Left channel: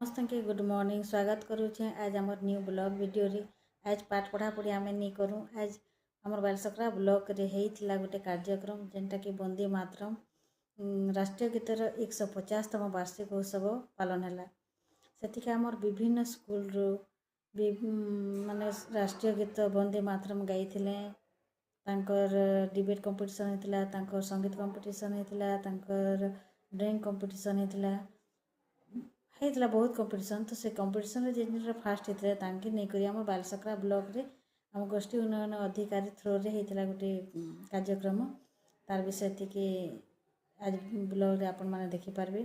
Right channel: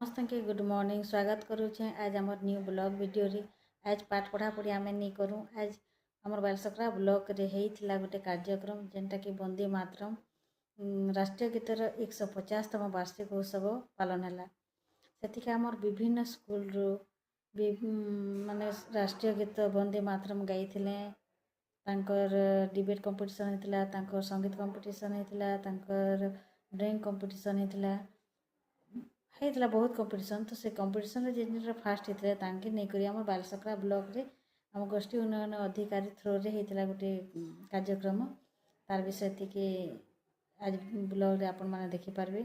समस्त के good morning स्वागत करुचे आज आमर न्यू ब्लॉग वीडियो रे। आज पाठ पढ़ा पढ़ी आम नहीं करूँ। आज आमर बालसकरा ब्लॉक रे होता गोटे कार्यक्रम जेनटा कि वंदे मातरम राष्ट्रीय गीतर 150तम वार्षिक उत्सव पालन है। से आमर विभिन्न स्कूल रू माने राष्ट्रीय गीत वंदे मातरम गाई डिबेट कंपटीशन होता, संगीत कंपटीशन होता, ड्राइंग कंपटीशन होता, बहुत कंपटीशन। तो से कंपटीशन जे फास्ट होते तांके नहीं करी आम बालसकरा ब्लॉक रे आम गोष्ठी उन्नयन अधिकारी थ्रो रे होता गोटे कार्यक्रम तार विषय थी आज ब्लॉग रे आपण माने देखि पारबे।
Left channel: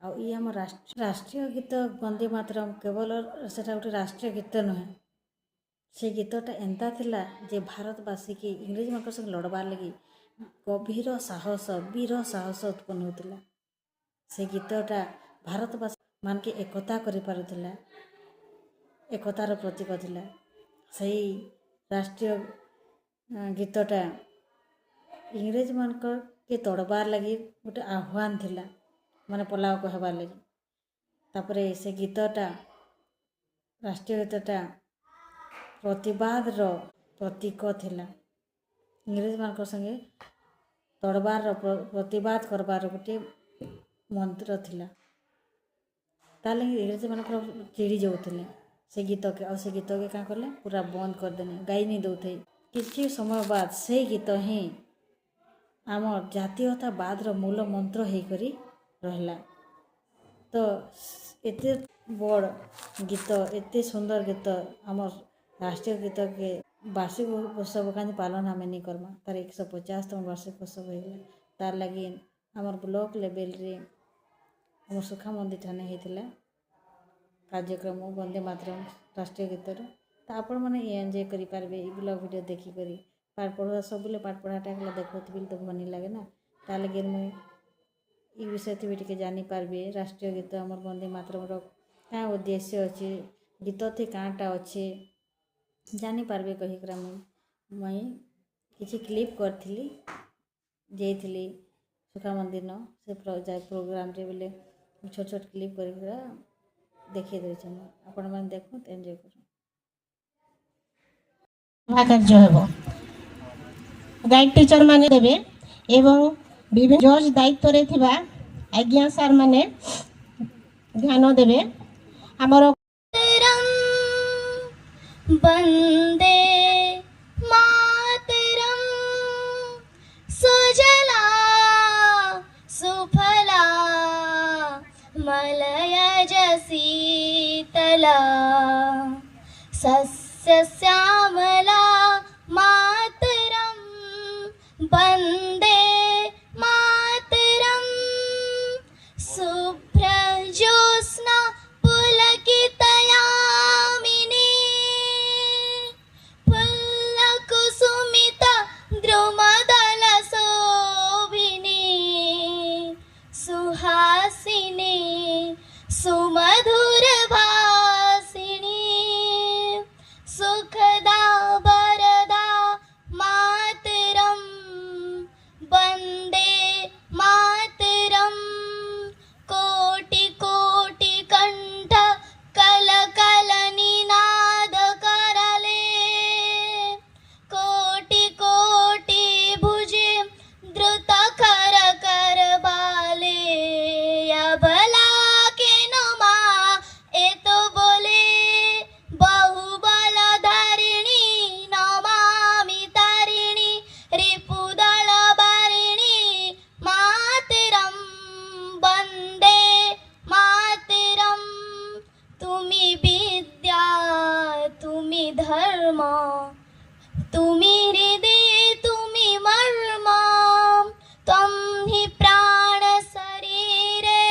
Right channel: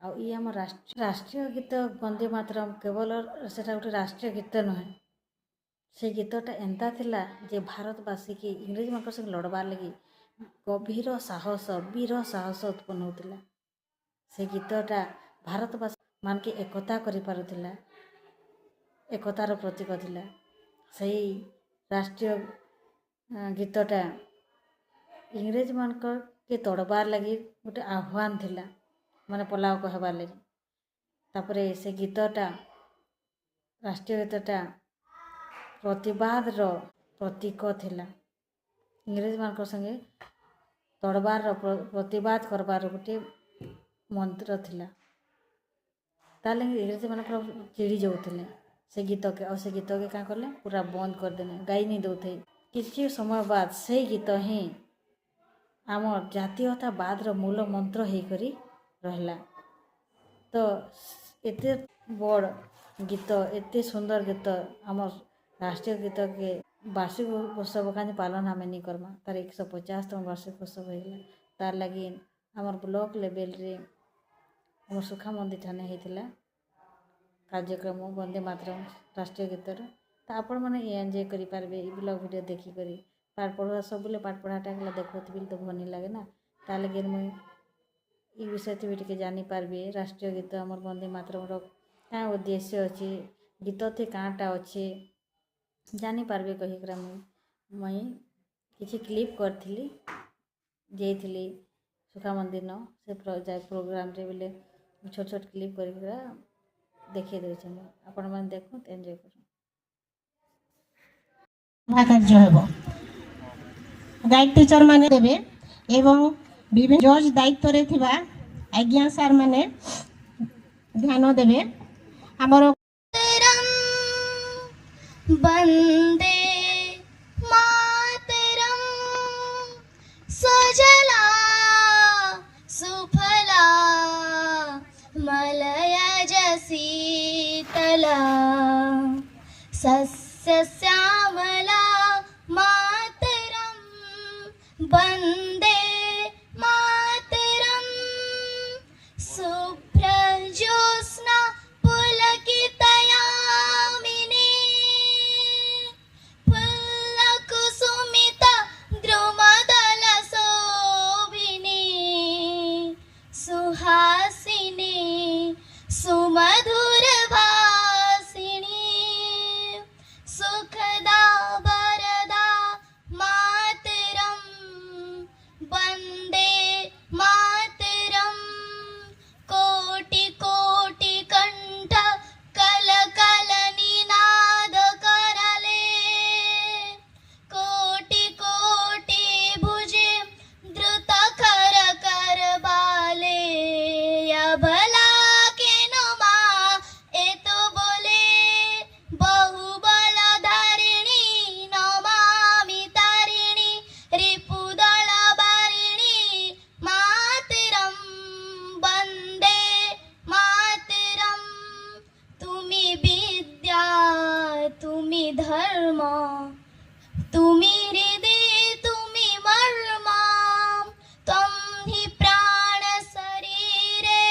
आ ई आम राष्ट्रीय गीत वंदे मातरम केवल सेटा गोटे राष्ट्रीय गीत नुहे, से गीतटा एंता थिला जे भारतवासी की इंग्रेज मान संग लड़बार लगी गभीर साहस वीर साहस उत्पन्न होता। से गीतटा भारतवासी मान के एकता करि पारुथिला, एकतार प्रतीक थिला। सही राष्ट्रीय गीतटा इंग्रेज मान के तड़बार लगी गोटे आह्वान थिला, माने पलाव कहबार लगी। तापरे से गीतटा राष्ट्रीय गीतटा प्रतिवाद रो प्रतीक थिला। इंग्रेज मान संगे तड़बार प्रतिवाद करबार गोटे मंत्र थिला। ताले इंग्रेज मान चिड़ी जाऊे से गीत के, और से गीत के क्या कले पूरा बंद करदेने, गाई नहीं दौथे। किसी समय बाद से गीत ही आम जातीयतावाद मूल मंत्र हो करी रहला। तो एते बड़ गीत एते सुंदर गीत आम राष्ट्रीय गीत के वार्षिक उत्सव का पालन आम नहीं करमा, तार 150तम वार्षिक उत्सव होगा। तार लगी आमर ब्लॉक लेवल रे आम सुखा मंदिर ठाने होता कार्यक्रम वंदे मातरम राष्ट्रीय गीतर। तो आपण मैंने एंजॉय करि पारबे ई ब्लॉग वीडियो देखी करी। पाठ पढ़ा सब पाठ पढ़ाटा देखुवी तो भल नहीं लगे ना, तार लगे मुई ई विषय भी टे जानी पारबे। राष्ट्रीय गीत आमर वंदे मातरम क्या उद्देश्य अच्छे, गीत थे काँटा अच्छे जानी पारबे कहीकरा मुई किसी क्लिप करी जाइली सुखा मंदिर न से प्रोग्राम रे बोले छोट छोट क्लिप कर देखिए देछे। आपण माने देखो एंजॉय करो। कार्य हेबो गाइड टीचर माने देबे एवं विभिन्न जज दायित्व रे थिबा आज्ञा सर माने ध्यान देबे। हमरो वंदे मातरम सुजला सुफला मलयज शीतला सस्य श्यामला मातरम वंदे मातरम शुभ्रज्योत्स्ना पुलकितयामिनी फुल्लकुसुमिता द्रुमदलशोभिनी सुहासिनी सुमधुरभाषिणी सुखदा वरदा मातरम वंदे मातरम कोटि कोटि कंठ कल कल निनाद करले कोटि कोटि भुजे द्रुत कर कर बाले अबला के नमा ए तो बोले बहुबल धारिणी नमामि तारिणी रिपुदल बारिणी मातरम वंदे मातरम तुमी विद्या तुमी धर्म तुमी हृदय तुमी मर्म त्वं हि प्राण शरीरे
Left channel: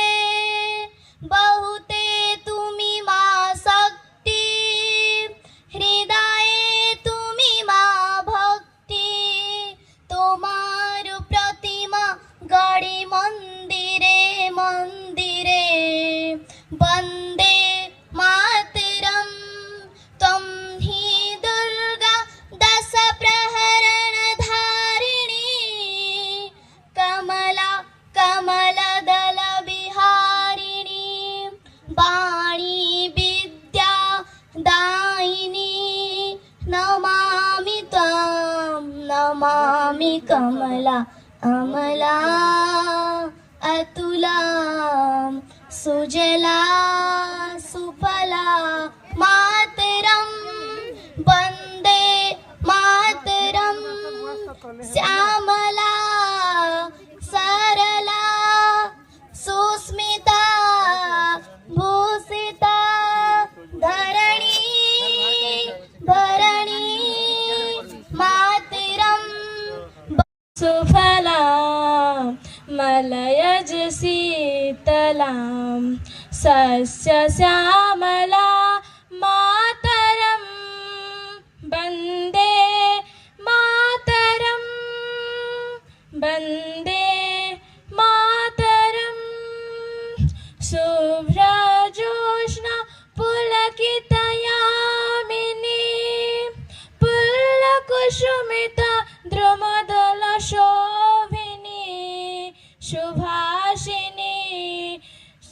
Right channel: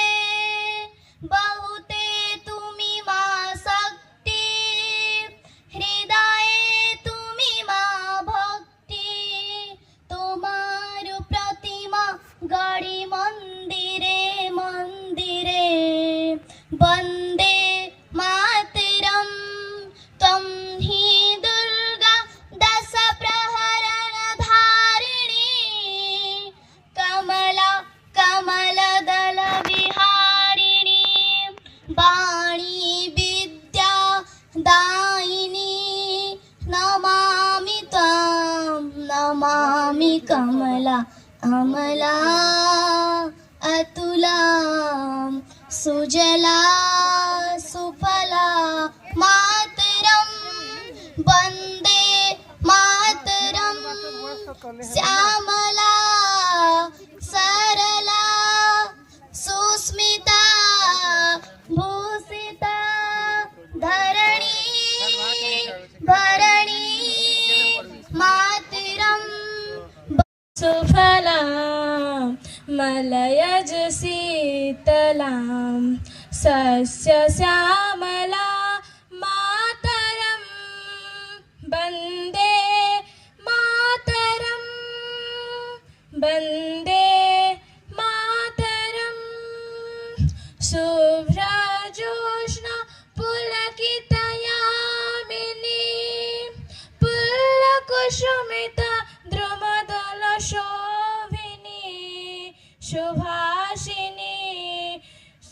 बहुते तुमी मा शक्ति हृदये तुमी मा भक्ति तोमार प्रतिमा गड़ी मंदिरे मंदिरे वंदे मातरम त्वं हि दुर्गा दश प्रहरण धारिणी कमला कमल दल विहारिणी वाणी श्यामला सुफला मातरम वन्दे मातरम श्यामला सरला सुस्मिता भूषिता धरणी भरणी मातरम सुफला मलयज शीतलां सस्यश्यामला मातरं वन्दे मातरं वन्दे मातरं शुभ्रजोत्स्ना पुलकितयामिनी पुल्लकुसुमिता द्रुमदलशोभिनी सुभाषिनी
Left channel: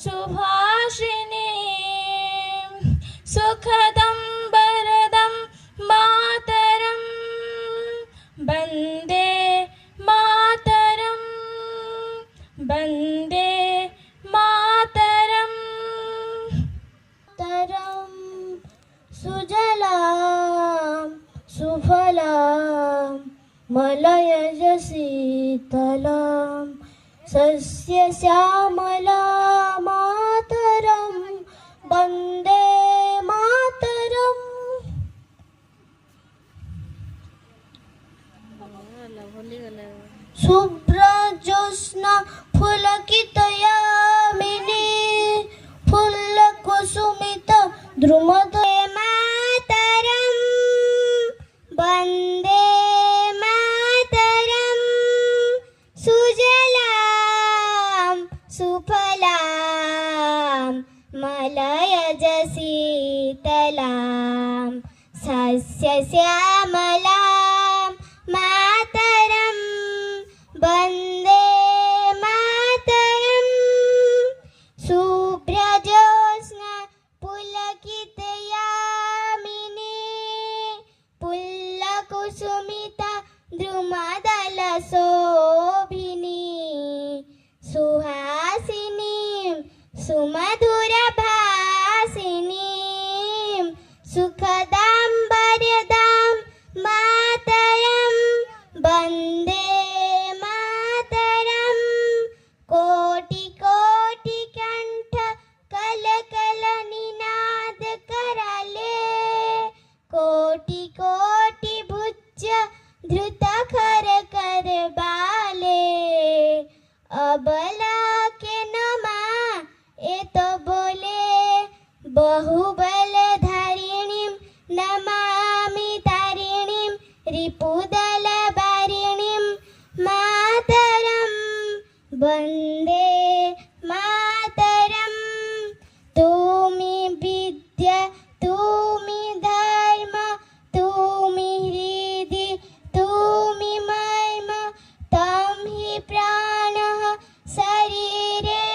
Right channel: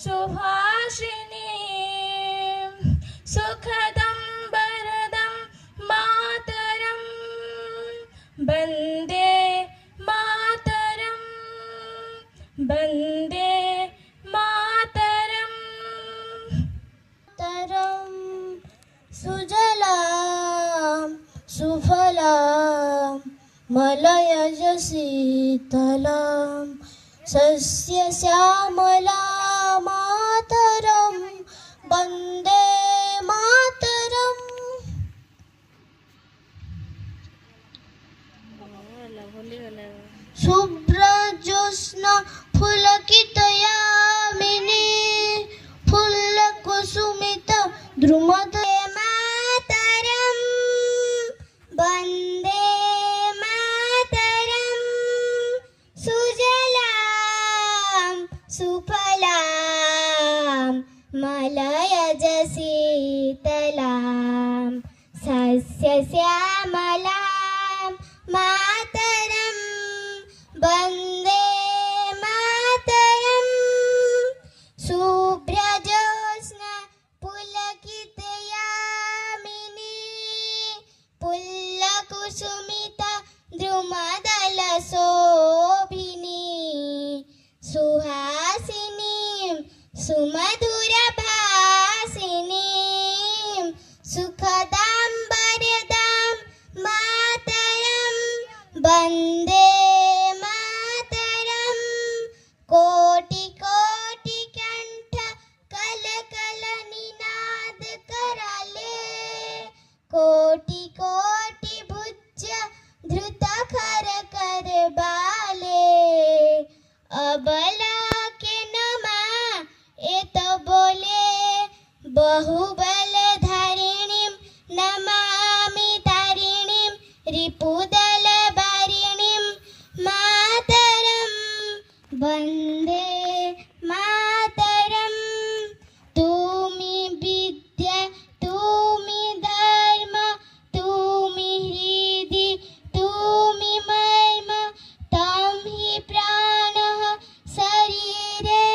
सुभाषिनी सुखदं वरदं मातरं वन्दे मातरं वन्दे मातरं तरं सुजलां सुफलां मलयज शीतलां सस्यश्यामला मातरं वन्दे मातरम् शुभ्रजोत्स्ना फुलकितयामिनी फुल्लकुसुमिता द्रुमदले मातरं वन्दे मातरं सुजलां सुफलां मलयज शीतलां सस्यश्यामलां मातरं वन्दे मातरं शुभ्रजोत्स्ना पुलकितयामिनी पुल्लकुसुमिता द्रुमदलशोभिनी सुहासिनीं सुमधुरभासिनीं सुखदां वरदां मातरं वन्दे मातरं कोटि कोटि कंठ कल कल निनाद कराले कोटि कोटि भुज धृत खर कर बाले अबला के नमा ए तो बोले बहुबल धारिणीं नमामि तारिणीं रिपुदल वारिणीं मातरं वन्दे मातरं तुमि विद्या तुमि धर्म तुमि हृदि तुमि मर्म तं हि प्राणः शरीरे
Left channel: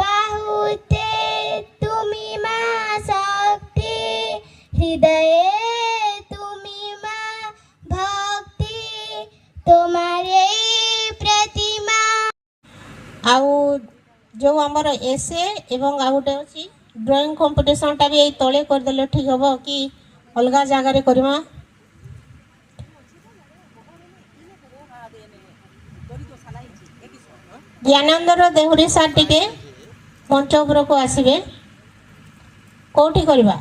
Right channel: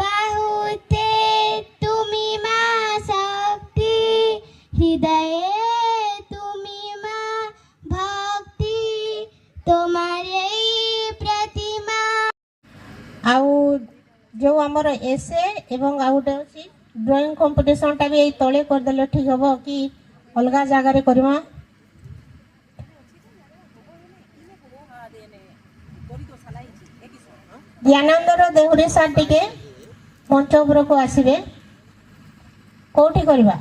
बाहुते तुमि मा शक्ति हृदये तुमि मा भक्ति तुम्हारे प्रतिमा आउ जो आमर एसे एवं आउ गोटे अच्छी ड्रॉइंग कंपटीशनटा भी यही तले करदेले ठीक हम कि अलग जगार करवा ज्ञानंदर देहुरी सार टिके मंच उपरक आसबे कौटी करवा